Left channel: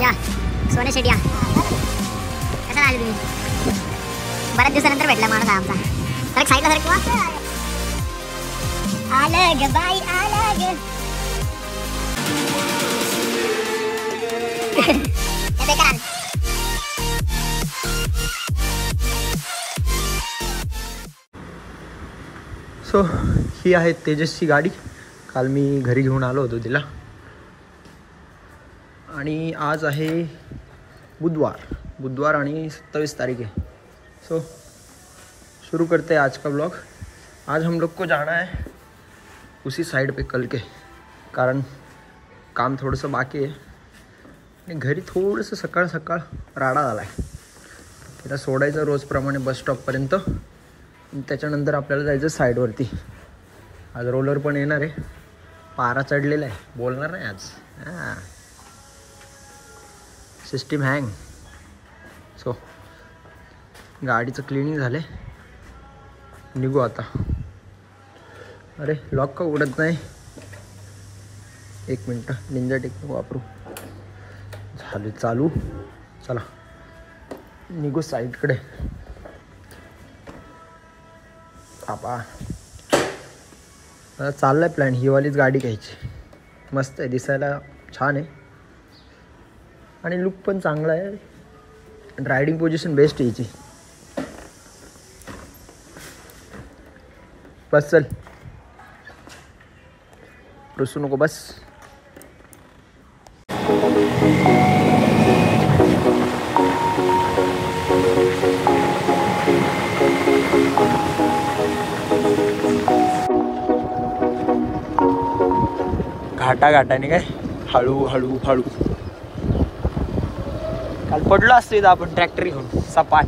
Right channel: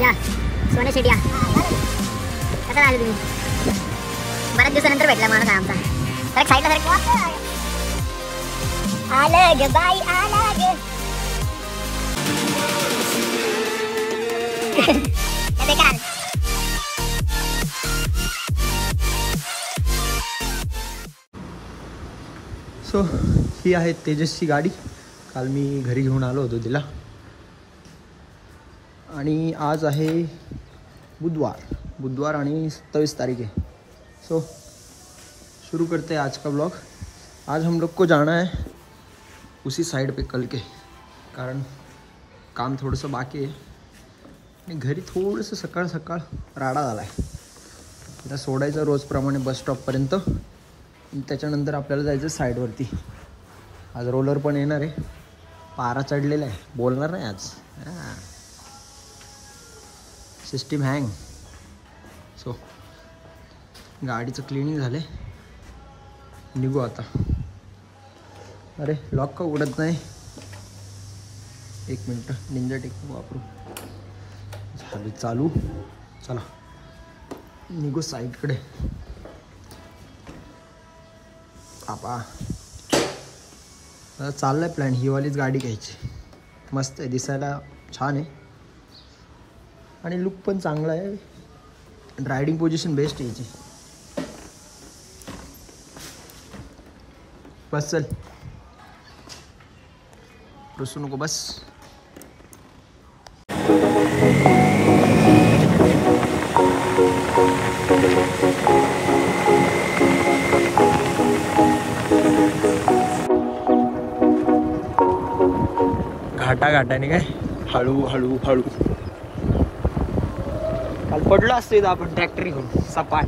या सोने शेट या कसं आले तुम्ही? बऱ्याच दिवसानंतर भेटला माणूस आमचा. तर साईडला सर आले ग बाई आले ग. सो ही आहे तेजसची गाडी. काल मी घरी घेऊन आलो होतो तिला. आणि आज आहे बुधवार आणि 27 तारीख है. सो शुरू करते हैं आज का ब्लॉग. आज हम लोग को जाना है उसी साइड पे कल के, कारण काम थोडंसं बाकी आहे आणि घरी थोडंसं सकाळ सकाळ राडा झाला आहे. तिला सोडायचं रोजप्रमाणे बस स्टॉपपर्यंत. त्याच्यानंतर आपल्याला जायचं साईडवरती. आज रोलर पण येणार आहे. पारा चढलेला आहे. बोलणार नाही आज. System hang. सो गाडीचं क्लिनिंग झालं. निघू आता. अरे लॉक का उघडत नाही? 1 मिनटं निंजा टेक्निक वापरू. झाले चालू. चला निघू साईडकडे. बाबा चाललाय प्लॅन. ही वालीच गाडी घ्यायची. मस्त आहे, दिसायला छान आहे आणि लुक पण चांगला आहे. रायडिंग पोझिशन बेस्ट आहे याची. बस चल, रुसू नको बस. घाटाने काय हळू हळू हळू. काल पडलो असतो इथं आपण ट्रॅक्टर घेऊन सपाट.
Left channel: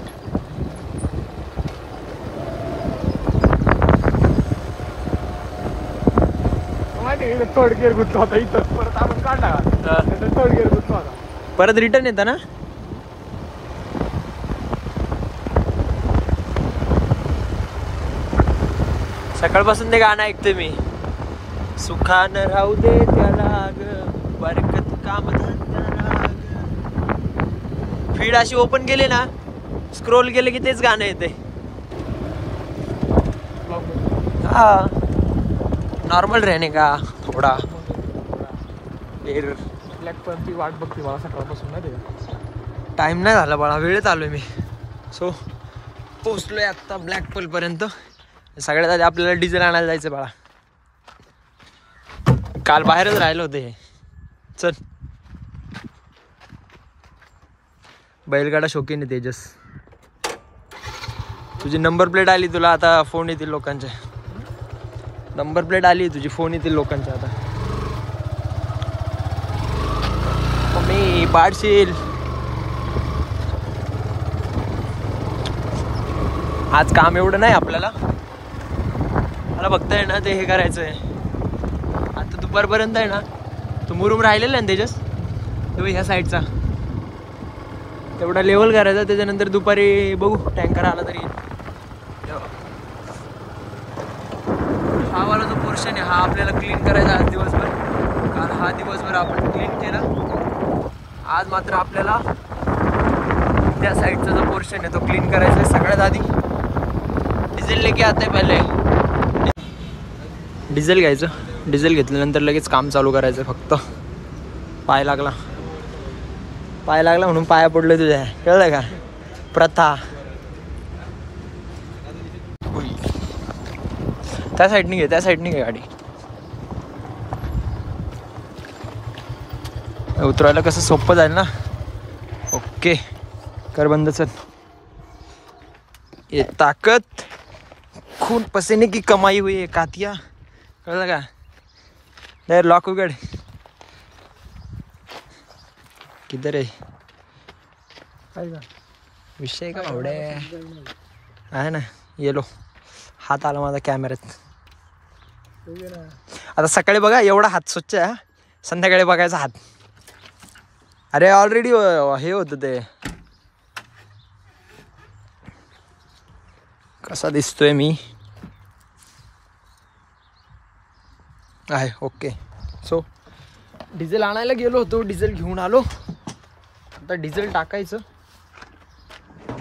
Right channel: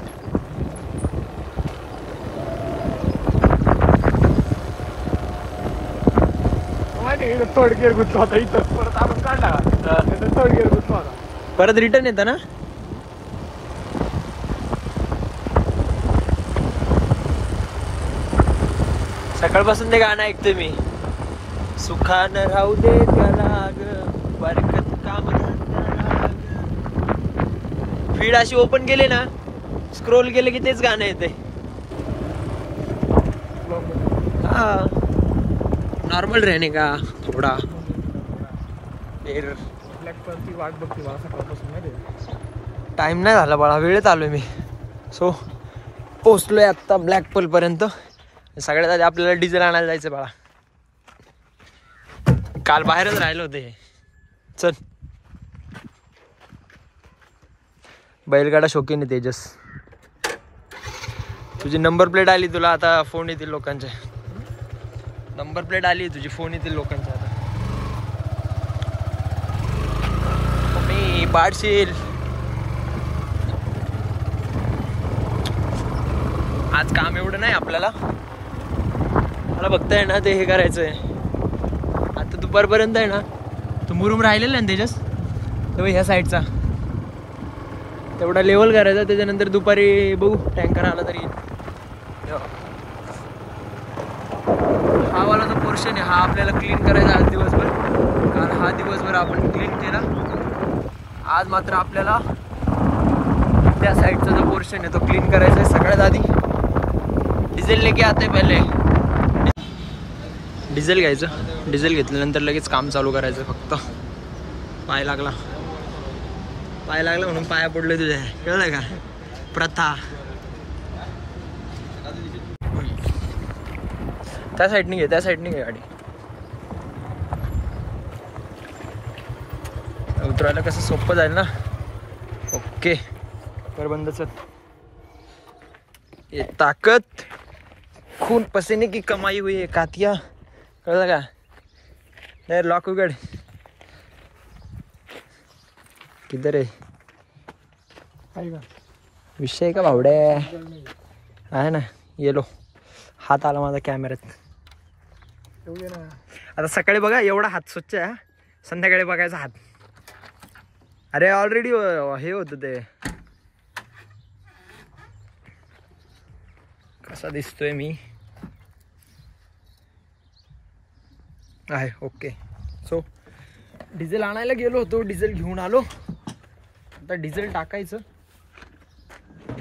थर्ड गिअर गुंतला होता इथं. परत आपण काढला थर्ड गिअर गुंतला होता. परत रिटर्न येतं ना. सकाळपासून ते गाणं ऐकतोय मी. सुखानं राहू दे त्याला बरकत काम. फीड अशी ओपन केली ना, स्क्रोल केले की तेच गाणं येते. हा नॉर्मल रहने का थोडा. टाइम नाही झाला बाळा, वेळ चालू मी. सो पोचलोय आत्ता ब्लॅक पोल पर्यंत. सगळ्यात आधी आपल्याला डिझेल आणायला जायचं बाळा. काल बाहेरच राहिलं होतं हे. चल. बैलगाडा शौकीन आहे तेजस. तुझी नंबर प्लेट आली, तुला आता फोन येतील लोकांचे. नंबर प्लेट आली तुझी, फोन येतील लोकांचे आता. मम्मी पाडशील. आज काम एवढं नाही आपल्याला. मला बघताय ना ते हे करायचं आहे. आता दुपारपर्यंत आहे ना, तो मुरुम राहिलेला आहे ना तेजस, तेव्हा ह्या साईडचा तेवढा लेवल करायचा. त्याच्यानंतर दुपारी बघू टँकर आला तरी. हा वाला जो पोर्शन आहे हा आपल्याला क्लीन करायचा आज दिवसभर. कारण हा दिवसभर आपण क्लीन केला. आज मात्र आपल्याला त्या साईडचा जो पोर्शन आहे तो क्लीन करायचा आहे. सगळ्यात आधी डिझेल लेके आते पहिले. डिझेल घ्यायचं. डिझेल घेतल्यानंतर लगेच काम चालू करायचं. फक्त पाय लागला म्हणून पाया पडलोय तुझ्या. कळलं का प्रथा. त्या साईडनी घे गाडी. उतरायला कसं सोपं जाईल ना. ओके कर बंद. चल. ये ताकत खून पसीने की कमाई हुई है कातिया. कळलं का. नाही लॉक उघड. किधर आहे विषय का भावडे आहे ना. येलो हात आला माझा कॅमेऱ्यात. आता सकाळी बघा एवढा हात स्वच्छ आहे. संध्याकाळी बघायचा हात. अरे ऑलरेडी हे होतं ते. कसा दिसतोय मी आहे. ओके. सो डिझेल आणायला गेलो होतो. डिझेल घेऊन आलो. आता डिझेल टाकायचं,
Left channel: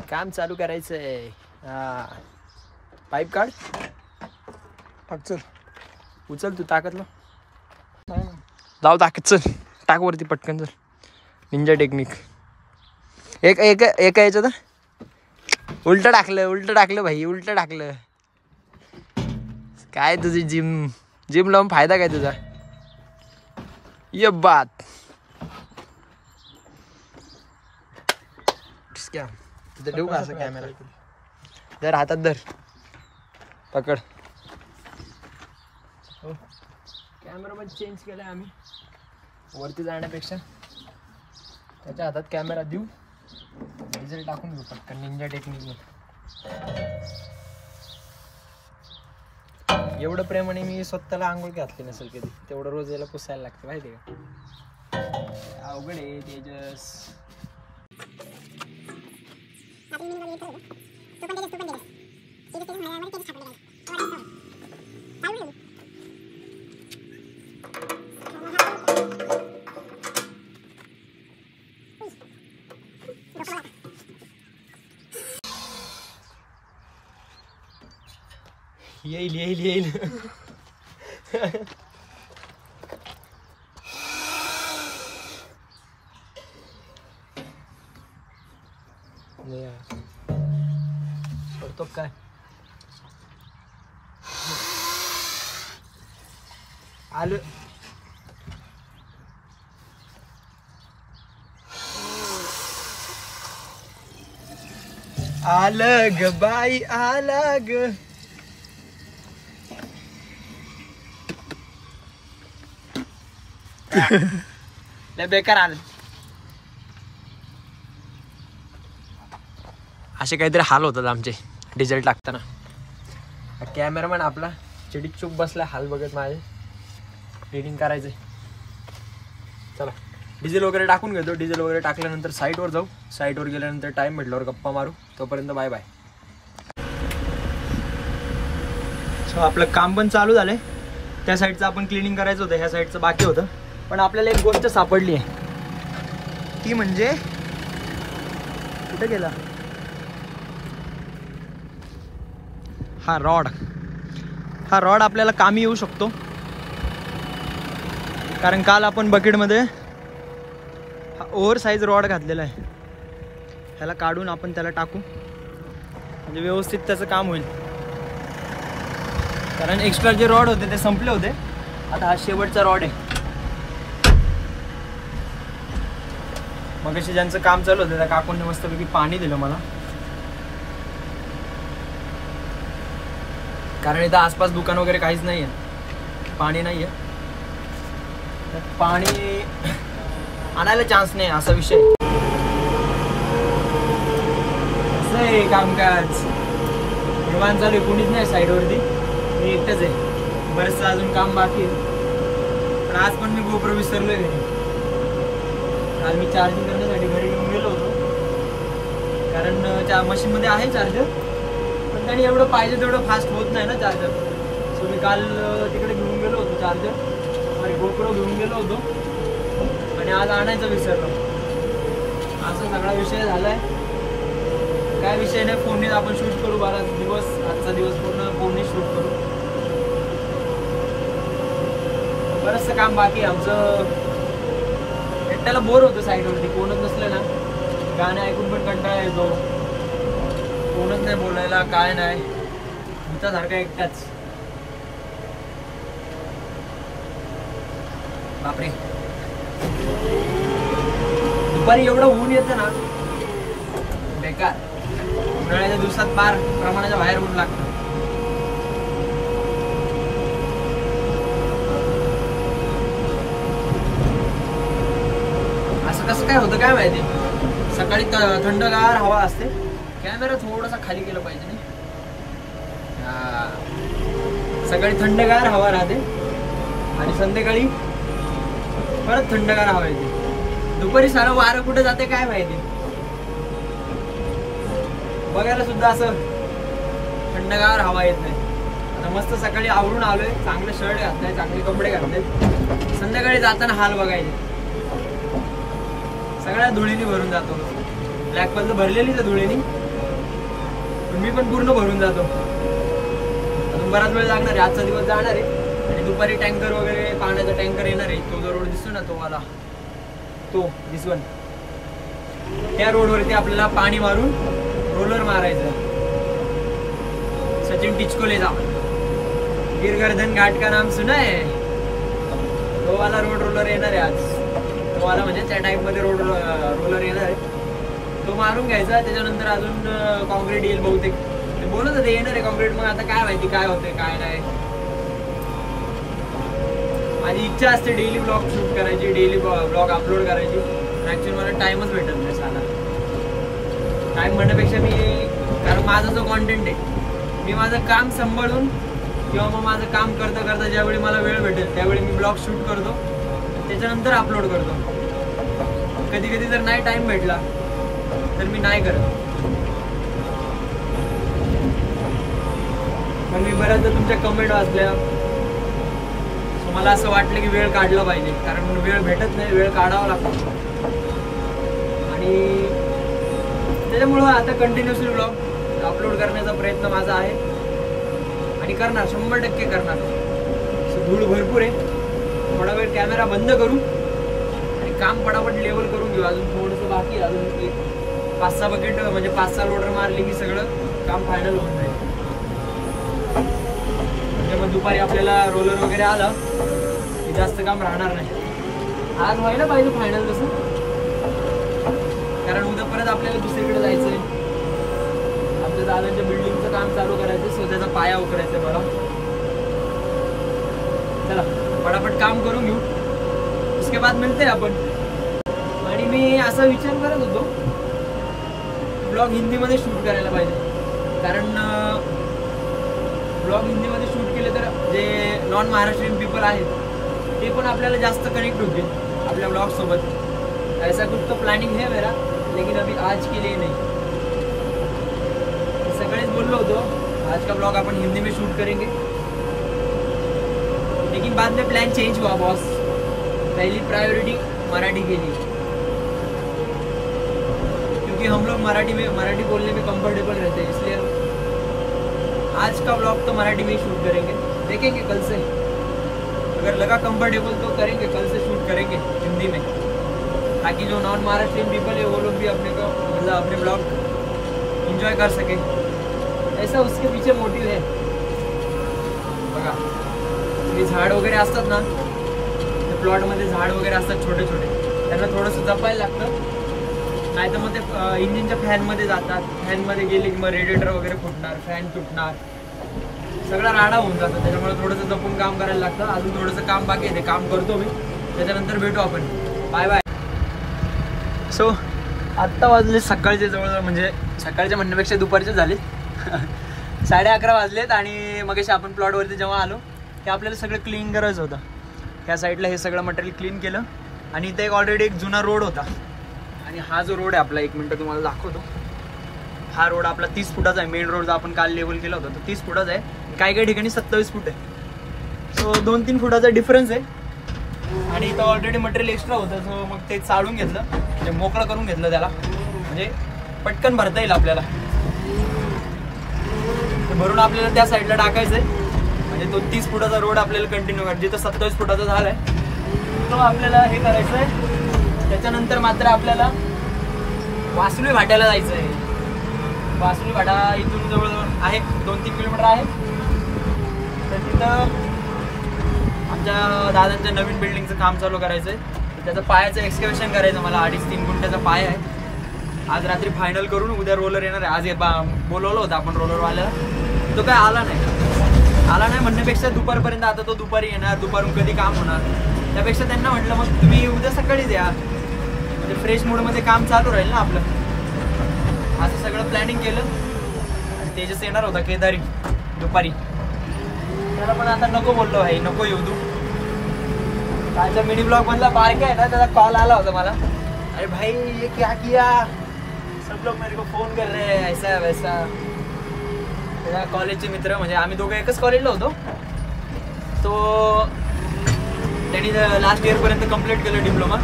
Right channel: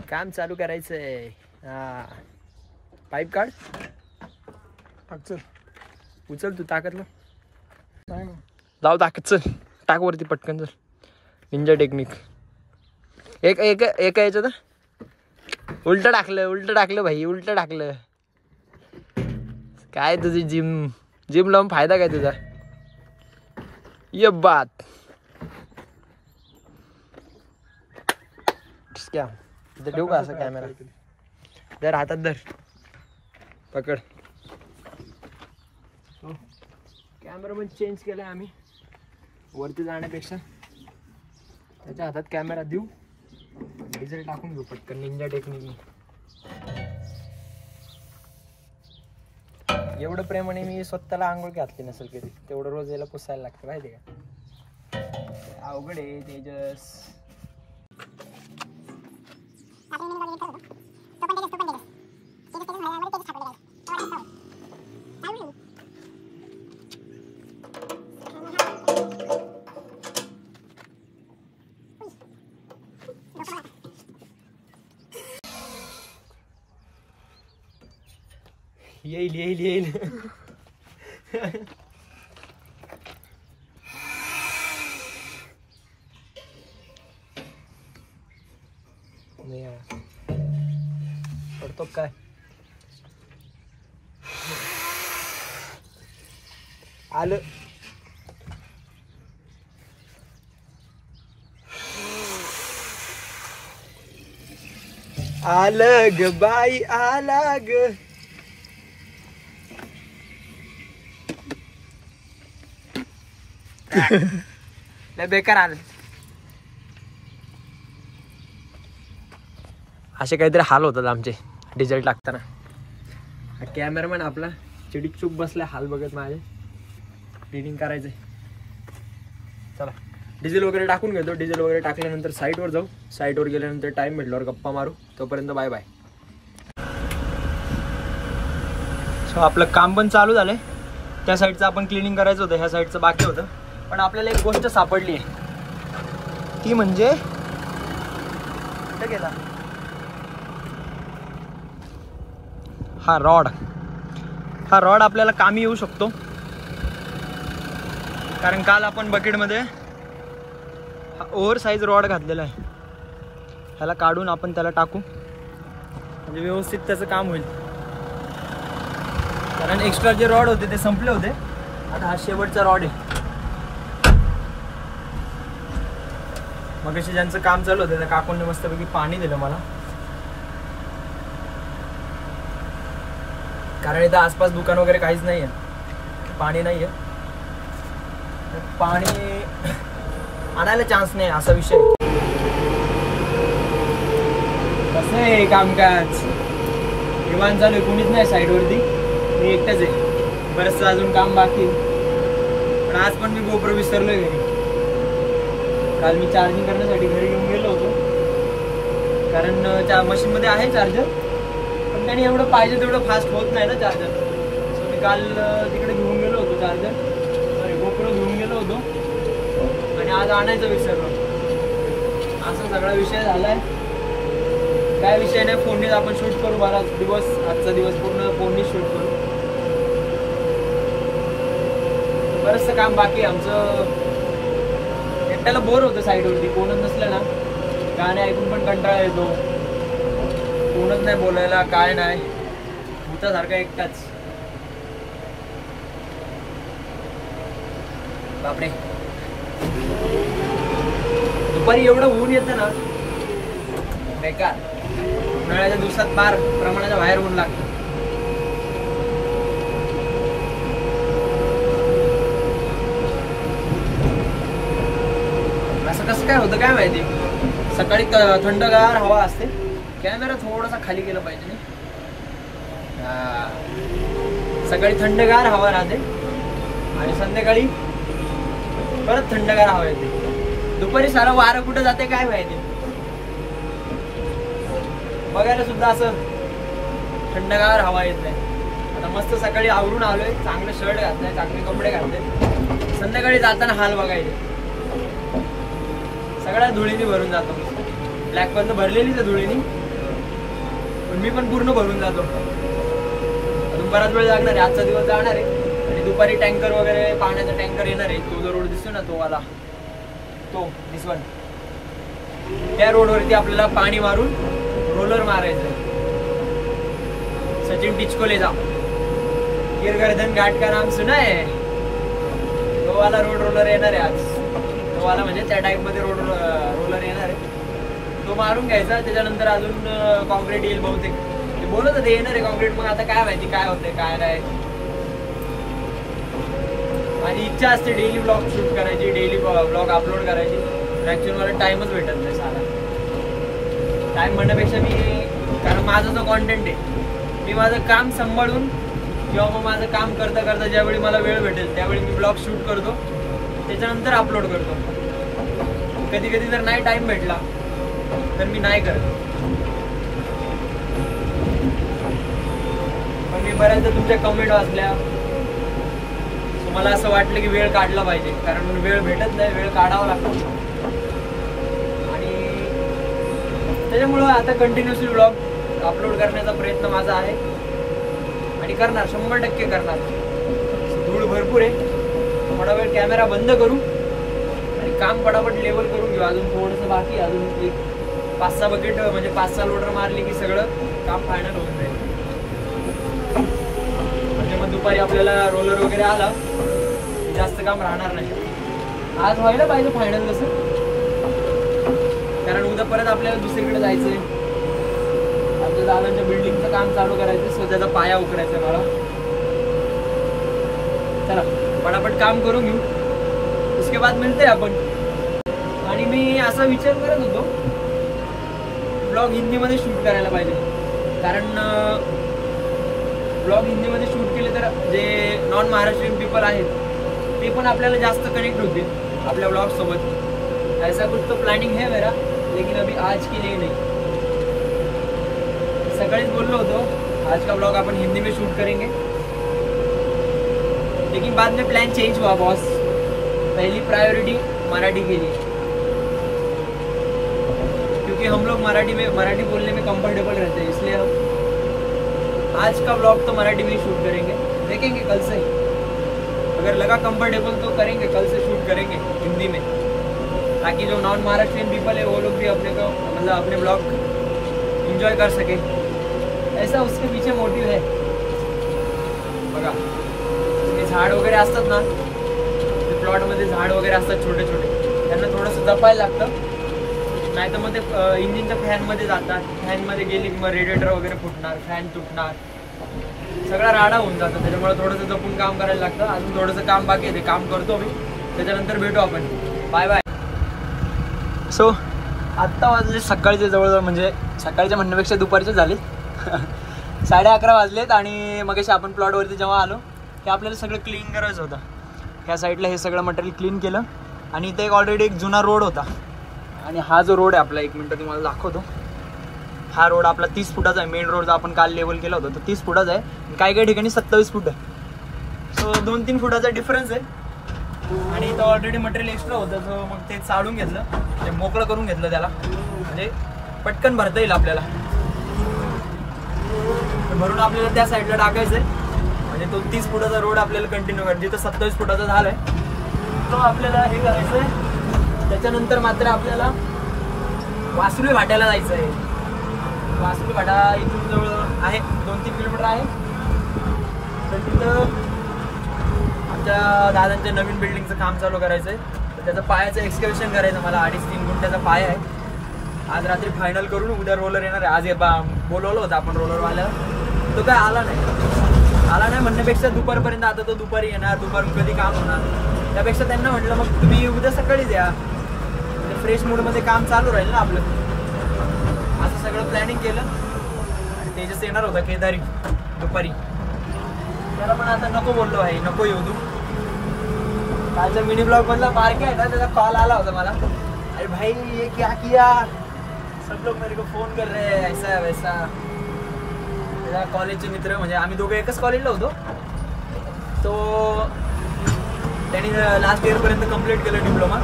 काम चालू करायचंय. हा पाईप काढ, चल उचल तू ताकदला. नाही ना जाऊ ताकद, चल टाक वरती पटकन, चल. Ninja technique. एक एक एक यायचं तर उलट टाकलं भाई, उलट टाकलं. काय तुझी जिम लावून फायदा काय तुझा? ये बात क्या इथं ठेवू का असं कॅमेरा? धर हातात, धर पकड. कॅमेरा पण चेंज केलाय आम्ही, वरती जाण्यापेक्षा त्याच्या हातात कॅमेरा देऊ, डिझेल टाकून घेऊ पटकन निंजा टेक्निकने. एवढं प्रेमाने मी स्वतःला आंघोळ घातली नसेल कधी, तेवढं रोज याला पुसायला लागतं माहिती का? अवघड आहे तेजस. येईल पडतो काय? आलं. आलं ग बाई, आला ग. बेकार आलं. असे काहीतरी हाल होतात आमचे डिझेल टाकताना. कॅमेरामॅन आपला चिडीक चूक बसलाय, हाल बघत माझे. एडिटिंग करायचंय. चला डिझेल वगैरे टाकून घेतो. डिझेल वगैरे टाकल्यानंतर साईटवर जाऊ. साईटवर गेल्यानंतर टाइम भेटल्यावर गप्पा मारू. तोपर्यंत बाय बाय. आपलं काम पण चालू झालंय. त्या साईडचं आपण क्लिनिंग करायचं होतं, ह्या साईडचं बाकी होतं. पण आपल्याला एक गोष्ट सापडली आहे, ती म्हणजे कुठे गेला हा रॉड. हा रॉड आपल्याला कामी येऊ शकतो, कारण काल आपण बकेटमध्ये हा ओव्हर साईज रॉड घातलेला आहे. ह्याला काढून आपण त्याला टाकू, म्हणजे व्यवस्थित त्याचं काम होईल. कारण एक्स्ट्रा जे रॉड होते ते संपले होते. आता हा शेवटचा रॉड आहे. मग अशी ज्यांचं काम चालू होतं त्या काकूंनी मस्तपैकी पाणी दिलं मला, कारण इथं आसपास दुकान वगैरे काहीच नाही आहे, पाणी नाही आहे. पाणी आणायला चान्स नाही, असा विषय. कसं आहे कामकाज, निवांत चालू आहे, कोणीच नाही साईडवरती, मी एकटाच आहे. बरंचसं अजून काम बाकी आहे. पण आज पण मी गोप्रो विसरलोय घरी. काल मी चार्जिंग करण्यासाठी घरी घेऊन गेलो होतो, कारण मशीनमध्ये आहे चार्जर, पण त्याने एवढं पाहिजे तेवढं फास्ट होत नाही ना चार्जर. सो मी काल तिकडे घेऊन गेलो होतो चार्जर, अरे गोप्रो घेऊन गेलो होतो, आणि आज आणायचं विसरलो. असा सगळा विषय झालाय. काय विषय नाही, फोननीच आपण शूट करू. बराच दिवस, आजचा दिवस पूर्ण फोननीच शूट करू. बरंचसं काम बाकी आहे आमचं. एकट्याला बोर होतं साईडवरती, कोणच नसलं ना, गाणे ऐकून पण कंटाळा येतो. कोणच नाही बोलायला, काय नाही, भूतासारखा एकटाच. बापरे, दुपारी एवढं ऊन येतं ना बेकार. उन्हाळ्याच्या दिवसात फार प्रमाणाच्या बाहेर ऊन लागतं. असं कसं काय होतं काय माहिती. सकाळी थंडगार हवा असते, कॅमेरा थोडासा खाली केला पाहिजे नाही. सकाळी थंडगार हवा राहते आणि संध्याकाळी परत थंडगार हवा येते. दुपारी सारा वारं कुठं जाते काय माहिती. बघायला सुद्धा असं थंडगार हवा येत नाही. आता मस्त सकाळी आवरून आलोय, चांगलं शर्ट घातलंय, चांगले कपडे घातले. संध्याकाळी जाताना हाल बघायचे. सगळ्या धुळीनी भरून जातो. ब्लॅक पण भरलेलीच आहे धुळीनी, पण मी पण पूर्ण भरून जातो. अजून बराच वेळ लागणार आहे, आजचा दिवस जाणार आहे. आणि दुपारी टँकर वगैरे पाण्याचा टँकर येणार आहे. तो जो रोड दिसतो ना, तो वाला, तो दिसवन, त्या रोडवरती आपल्याला पाणी मारून रोलर मारायचं. सचिन टिचकोलेचा गिरगर्दन घाट का नाम सुना है, तो वाला रोड रोलर येणार आहे आज. तो वाला म्हणजे त्या टाईप मध्ये रोलर येणार आहे, तो मारून घ्यायचा. त्याच्यानंतर अजून कॉन्क्रीट येईल बहुतेक. ते बोलत होते येणार आहे कॉन्क्रीट, मग आता काय माहिती काय होतंय काय नाही. माझी इच्छा असते डेली ब्लॉग शूट करायची, डेली ब्लॉग अपलोड करायची. ऍक्च्युअली मला टाइमच भेटत नाही साधा. टाइम म्हणण्यापेक्षा कारण माझा जो कॉन्टेंट आहे, मी माझं काम सांभाळून किंवा मग माझं काम करता करता ज्यावेळी मला वेळ भेटेल त्यावेळी मी ब्लॉग शूट करतो, त्याच्यानंतर अपलोड करतो. कधी कधी जर नाही टाइम भेटला तर मी नाही करत. पण मी बऱ्याचदा तुमच्या कमेंट वाचल्या, मला असं वाटलं की वेळ काढला पाहिजे, कारण वेळ भेटत नाही, वेळ काढावा लागतो. आणि त्याच्यामुळं आता कंटिन्युअसली ब्लॉग अपलोड करण्याचा प्रयत्न माझा आहे आणि करणार, 100% करणार. धूळ भरपूर आहे, थोडा वेळ कॅमेरा बंद करू आणि काम पटापट लेवल करून घेऊ. अजून थोडंसं बाकी, अजून एक 5-6 बकेट म्हणजे 5-6 लोडर मारली की सगळं काम फायनल होऊन जाईल. म्हणजे मग दुपारी आपल्याला रोलर वगैरे आलं की जास्त काम राहणार नाही. आज व्हायला पाहिजे फायनल तसं, कारण उद्या परत आपल्याला दुसरीकडे जायचंय. आमच्या दादांच्या बिल्डिंगचं काम चालू करायचं, सो त्याचा पाया उकरायचा मला. चला पटापट काम करून घेऊ, उसके बाद मिळते आपण. आणि मी असा विचार करत होतो ब्लॉग हिंदीमध्ये शूट करायला पाहिजे, कारण ब्लॉग हिंदीमध्ये शूट केले तर जे नॉन महाराष्ट्रीयन पीपल आहेत ते पण आपल्याला जास्त कनेक्ट होतील आपल्या ब्लॉग सोबत. ऐसा कुछ तो प्लॅनिंग है मेरा, लेकिन अभी आज के लिए नहीं. सकाळीच बोललो होतो आज का ब्लॉग अपन हिंदी में शूट करेंगे, लेकिन बाद में प्लान चेंज हुआ बॉस. पहली प्रायोरिटी मराठी के लिए, क्योंकि हम लोग मराठी बोलने में कंफर्टेबल रहते हैं, इसलिए हम आज का ब्लॉग तो मराठी में ही शूट करेंगे. देखेंगे कल से, अगर लगा कंफर्टेबल तो करेंगे, कल से शूट करेंगे हिंदी में, ताकि जो नॉन महाराष्ट्रियन पीपल है वो लोग भी अपने को मतलब अपने ब्लॉग एंजॉय कर सके. ऐसा उसके पीछे मोटिव है. बघा हे झाड वगैरे असतात ना, ते प्लॉटमध्ये झाड वगैरे असतात छोटे छोटे, त्यांना थोडंसं जपायला लागतं, नाही तर मग ते इंजिनच्या फॅनमध्ये जातात. फॅनमध्ये गेले की मग रेडिएटर वगैरे फुटणार, फॅन तुटणार, सगळा राडा होऊन जातं. त्याच्यामुळे थोडंसं जपून काम करायला लागतं. अजून थोडंसं काम बाकी आहे, ते काम करतो मी, त्याच्यानंतर भेटू आपण. Bye bye. सो आत्ता वाजले सकाळचे जवळजवळ, म्हणजे सकाळच्या म्हणण्यापेक्षा दुपारचे झाले 11:30 वाजलेत. आणि मग आपण प्लॉटवरती जेव्हा आलो ते आपल्याला सगळं क्लीन करायचं होतं. ह्या साईडला हे सगळं मटेरियल क्लीन केलं आणि इथे ऑलरेडी एक जुना रोड होता. आणि हा जो रोड आहे आपला, 1 मिनटं तुम्हाला दाखवतो. हा रोड आपला 30 फुटाचा आहे. मेन रोड आपण काल लेवल केला होता तो 30 फुटाचा आहे, काही काही ठिकाणी 27 फूट आहे. सो 2-3 फुटाचा डिफरन्स आहे. आणि इथं ऑलरेडी मटेरियल एक्स्ट्रा होतं, सो मग ते चाळून घेतलं, म्हणजे मोकळं करून घेतलं त्याला, म्हणजे पटकन भरता येईल आपल्याला. भरून आपल्याला त्या साईडला टाकायचं आहे, म्हणजे तो 30 फुटाचा रोड आपल्याला कंटिन्यू करायचा. जिथं 27 फुटाचा झाला आहे तो आपल्याला हे करायचं आहे. त्याच्यानंतर मात्र आपल्याला वासुली घाटाला जायचं आहे. वासुली घाटा इथून जवळजवळ आहे 2-3 किलोमीटर आहे. तर तिथं आमच्या दादांच्या नवीन बिल्डिंगचं काम चालू करायचं आहे. त्याचं पायाचं एक्सकॅव्हेशन करायचं मला. 2.5-3 गुंठ्याचा पाया आहे. आज रात्री फायनल करून उद्या रोलर येणार आहे. आज बोलवलं होतं आपण रोलरवाल्याला, तो काय आला नाही म्हणण्यापेक्षा दुपारपर्यंत, आता तो दुपारी येणार, दुपारून कधी काम होणार, त्यापेक्षा त्यांना म्हटलं मग तुम्ही उद्या सकाळीच या, म्हणजे फ्रेश मूडमध्ये काम चालू राहील ना आपलं. असं सगळं प्लॅनिंग केलं. आणि तेजस येणार होता केदारी दुपारी, त्याला पण आता नको बोललो भाई, नको येऊ तू. कालचा मिनी ब्लॉग मधला पार्क आहे ना, त्याचा कॉल आला होता मला, अरे भाई ये क्या किया, सब लोग मेरे को फोन कर रहे हैं ऐसा वैसा. त्याच्या कॉलेजचे मित्र, म्हणजे आम्ही दोघं एकच कॉलेजला होतो. तो त्यांनी लास्ट इयरपर्यंत कंप्लीट केलं डिप्लोमा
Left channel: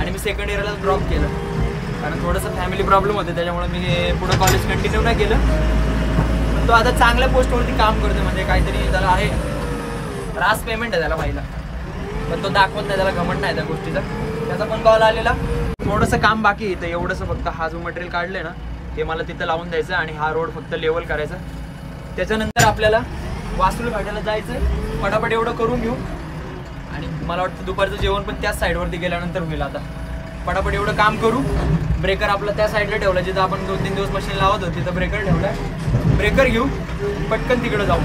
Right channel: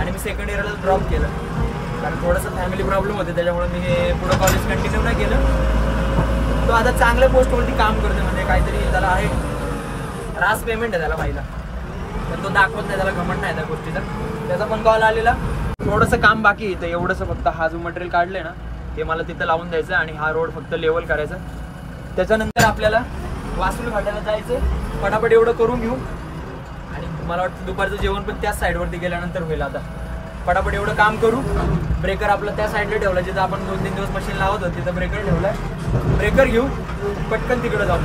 आणि मी सेकंड इयरला ड्रॉप केलं. कारण थोडंसं फॅमिली प्रॉब्लेम होते, त्याच्यामुळे मी पुढं कॉलेज कंटिन्यू नाही केलं. तो आता चांगल्या पोस्टवरती काम करतो, म्हणजे काहीतरी त्याला आहे, रास पेमेंट आहे त्याला पहिला, पण तो दाखवत नाही, त्याला घमंड नाही त्या गोष्टीचा. त्याचा पण कॉल आलेला. थोडंसं काम बाकी आहे, एवढंसं फक्त हा जो मटेरियल काढलंय ना ते मला तिथं लावून द्यायचं आणि हा रोड फक्त लेवल करायचा. त्याच्यानंतर आपल्याला वासुली फाट्याला जायचं, पटापट एवढं करून घेऊ. आणि मला वाटतं दुपारचं जेवण पण त्याच साईडवरती गेल्यानंतर होईल. आता पटापट एवढं काम करू. ब्रेकर आपलं त्या साईडला ठेवला, जिथं आपण 2-3 दिवस मशीन लावत होतो तिथं ब्रेकर ठेवलाय. ब्रेकर घेऊ, पटकन तिकडं जाऊ.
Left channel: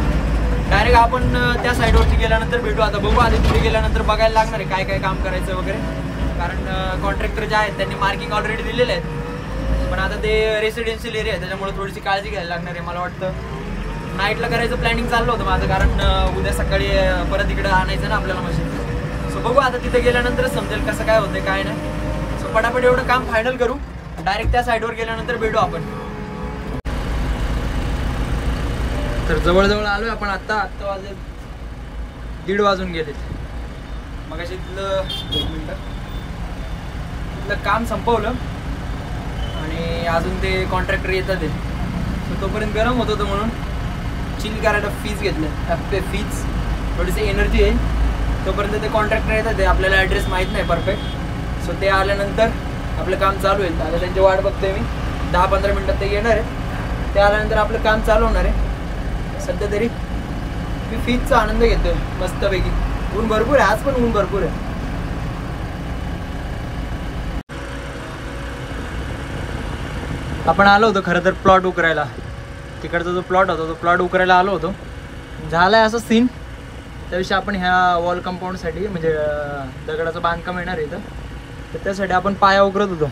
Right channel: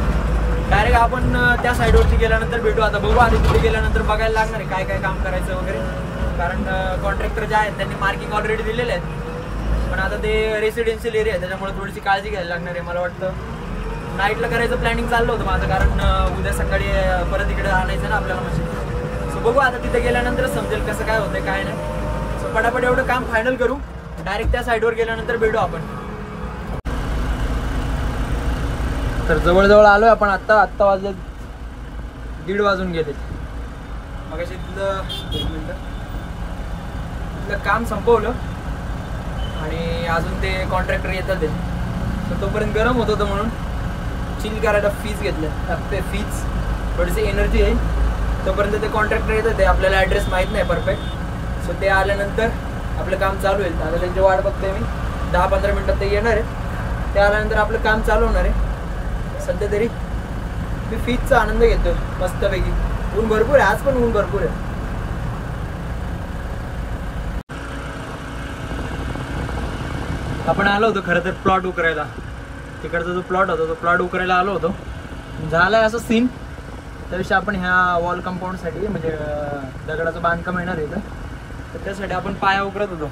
डायरेक्ट आपण त्या साईडवरती गेल्यानंतर भेटू. आता बघू, आधी तिथे गेल्यानंतर बघायला लागणार आहे काय काय काम करायचं वगैरे, कारण कॉन्ट्रॅक्टर जे आहेत त्यांनी मार्किंग ऑलरेडी दिलेले आहेत. पण आता ते रेसिडेन्शियल एरिया आहे, त्याच्यामुळे थोडीशी काळजी घ्यायला लागणार आहे. मला वाटतं नाईटला करायचं प्लॅनिंग चाललं होतं माझं, कारण उद्या सकाळी परत इकडे आणायचं ना आपल्याला मशीन. सो बघू, आता तिथे गेल्यानंतरच समजेल कसं काय होतंय काय नाही. सो पटापट एवढं काम फायनल करू, डायरेक्ट त्या साईडवर गेल्यानंतर भेटू आपण. तर जवळजवळ आलोय आपण. आत्ता वाजले 1:30 वाजून गेलेत. मग अशी तिथलं 1 मिनिट तिथलं काम संपवलं आणि अजून ते कॉन्ट्रॅक्टर येतात, तर तोपर्यंत गरम होत होतं म्हणून चिल करायला फीज घेतलं. फीज थोडीशी एनर्जी आहे, तोपर्यंत ते कॉन्ट्रॅक्टर येतात. ते आपल्याला ॲड्रेस माहीत नाही परफेक्ट. सो ते आल्यानंतर आपलं काम चालू होईल. आता त्यांची वाट बघतोय मी. 10-15 मिनटात ते येणार आहे. ते आल्यानंतर आपलं काम चालू होणार आहे. सध्या तरी मी फीजचा आनंद घेतोय मस्तपैकी. ऊन भरपूर आहे आज, पण ऊन भरपूर आहे. आपण आलो होतो खरं तर प्लॉट उकरायला. तिकडचा जो प्लॉट होता तो प्लॉट उकरायला आलो होतो. झालाय असं सीन. त्याविषयी आपण ह्या वॉल कंपाऊंडसाठी, म्हणजे दगडाचं बांधकाम येणार आहे इथं, तर त्यासाठी आपण पाया उकरत होतो.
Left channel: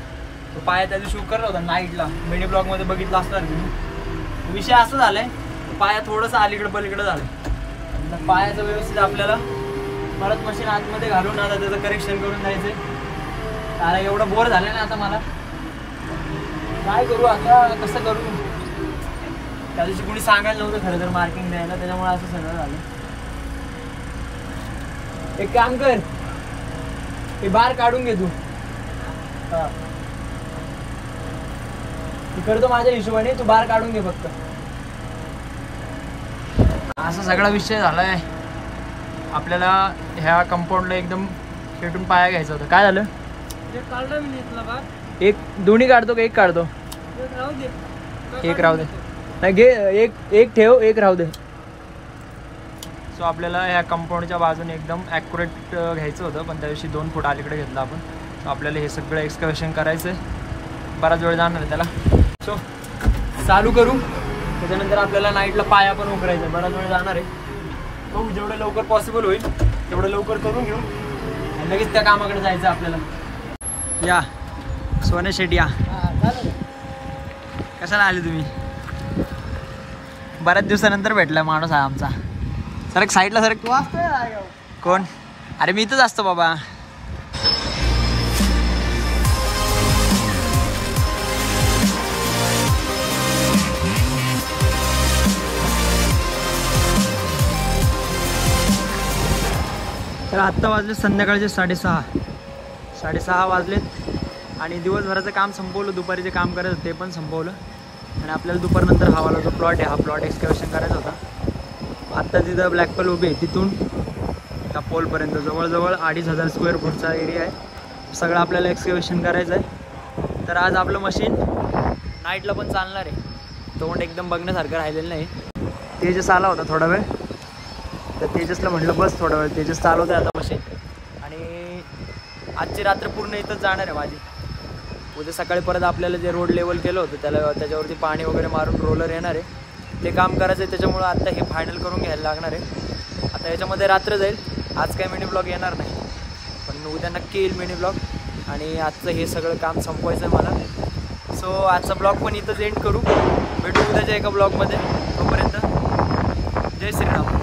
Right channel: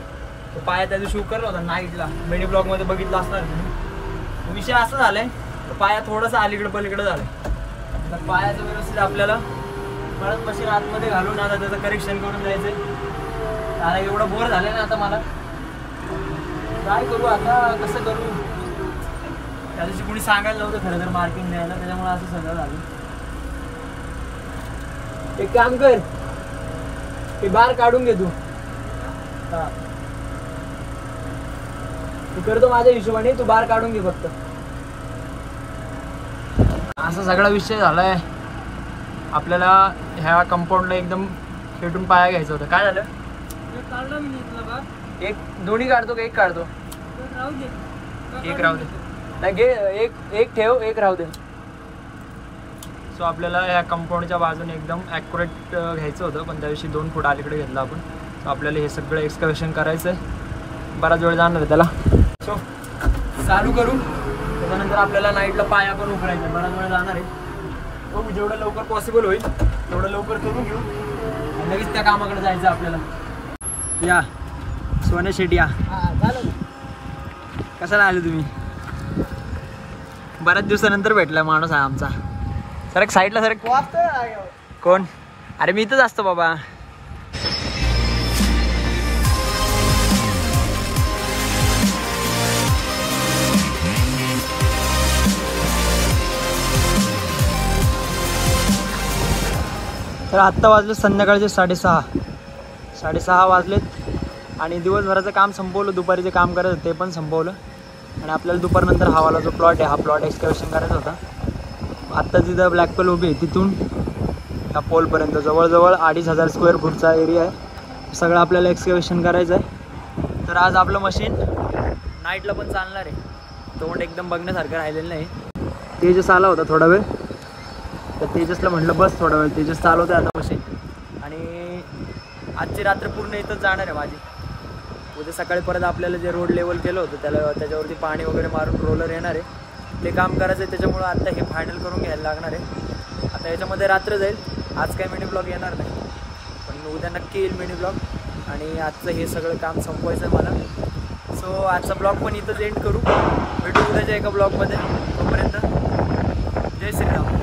तो पाया त्या दिवशी उकरला होता नाईटला, मिनी ब्लॉगमध्ये बघितला असणार तुम्ही. विषय असं झालाय, तो पाया थोडंसं अलीकडे पलीकडे झालंय. तर पायाचं व्यवस्थित आपल्याला परत मशीन आतमध्ये घालून आता त्याचं करेक्शन करून जायचंय. आता एवढं बोर झालं ना आता मला, काय करू आता, कसं करू. त्या दिवशी कोणी सांगायला नव्हतं खरं तर मार्किंग द्यायला, त्याच्यामुळे असं सगळं झालं. एक काम कर, ते बार काढून घे तू. हा, मी करतो माझ्या हिशोबाने, तू बार काढून घे फक्त. असा सगळा विषय झालाय. आपल्याला ह्या कंपाऊंडला एकदम खेटून पाया घ्यायचा होता. काय झालं, एक दोन्ही काढतो का एक काढतो? एक राहू दे. नाही घे, एक ठेव, एक राहू दे. सो आपल्याला ह्या कंपाऊंडच्या बाजूने एकदम ॲक्युरेट घ्यायचं होतं, पण त्याविषयी 2 फूट अलीकडे घेतलं आपण. सो आपल्याला हे सगळं एक्सकव्हेशन करायचं आहे. बराच वेळ जाणार आहे त्याला. सो चालू करू. त्याच्यानंतर आपल्याला नाईटला पाया पण उकरायचं आहे. बराच वेळ जाणार आहे. हो, जेवढं लवकर पॉसिबल होईल तेवढं लवकर करून घेऊ आणि लगेच त्या कामाकडे जायचं आपल्याला. या सोने शेट या. कशाला आले तुम्ही? बऱ्याच दिवसानंतर भेटलाय माणूस आहे आमचा. सरक साईडला सरक. कोण? अरे मी इथंच असतो बाबा. तर आत्ता वाजले संध्याकाळचे 6:30 वाजलेत आणि दिवसभराचं काम संपवलं. दुपारी जे काम करायचं ते पण संपवलं आणि आपल्याला दुपारनंतर हावाला जो प्लॉट आहे हा प्लॉट एक्सकव्हेशन करायचा होता. आत्ता जिथं ब्लॅक पेल उभी आहे तिथून त्या पोलपर्यंत जवळजवळ 2500 स्क्वेअर फूटचा एरिया आहे. सगळं आपल्याला एक्सकव्हेशन करायचं आहे. तर आज आपलं मशीन नाईटला पण चालणार आहे. तोंड एकदम बघण्यासारखं राहिलेलं नाही. तेजस आला होता थोडा वेळ, तर तेजसला म्हटलं बस थोडा वेळ. तेजस चालवतं आहे आता मशीन आणि आजची रात्र पूर्ण इथंच जाणार आहे माझी. उद्या सकाळी परत आपल्याला जे रोड लेवल केलं होतं त्याच्यावरती पाणी वगैरे मारून रोलर येणार आहे, ते काम करायचं आहे. त्याच्यामुळं आता हे फायनल करून घ्यायला लागणार आहे. आता याच्यामध्ये रात्र जाईल. आज काही मिनी ब्लॉग येणार नाही, पण उद्या नक्की येईल मिनी ब्लॉग. आणि आजचं हे सगळं काम संपवायचं आहे मला. सो आजचा ब्लॉग पण इथंच एंड करू. भेटू उद्याच्या एका ब्लॉगमध्ये. तोपर्यंत जय श्रीराम.